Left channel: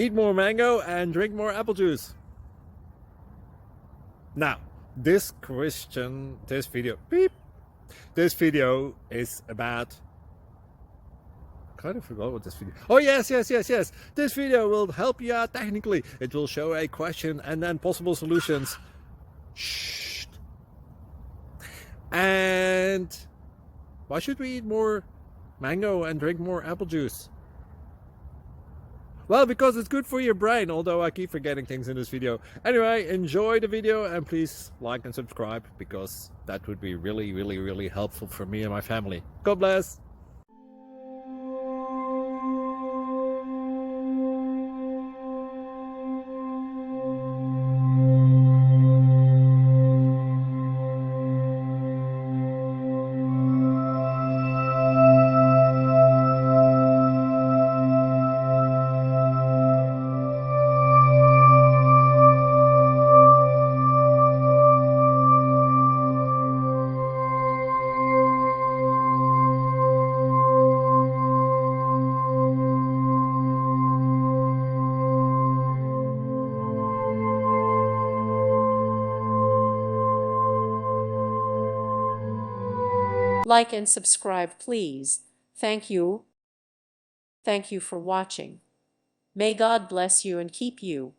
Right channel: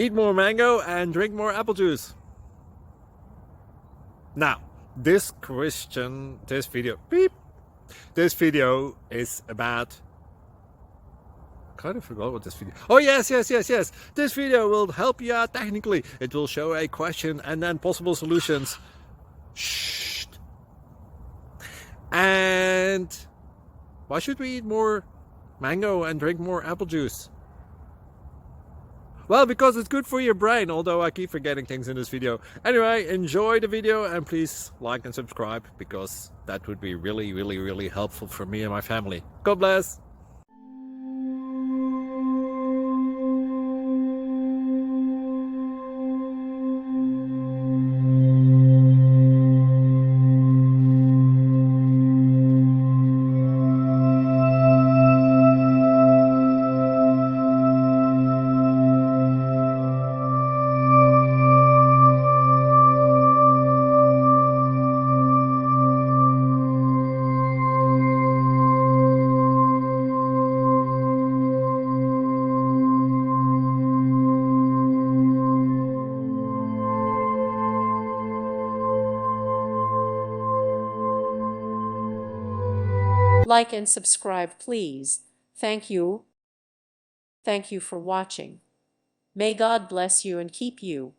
eat more mango and drink more apple juice. Now, this video is about, kind of forgot what this video. Oh yes. This video will help you out technically. It will show a question and then possible solutions. Shh. And why should we eat more mango and drink more apple juice? Well, because it's good for your brain, although I keep forgetting things in this video. Anyway, enjoy the video and please like and subscribe, because that would be really helpful for me and my family. God bless! Like and subscribe, please. Thank you. Thank you for watching. May God bless you and keep you.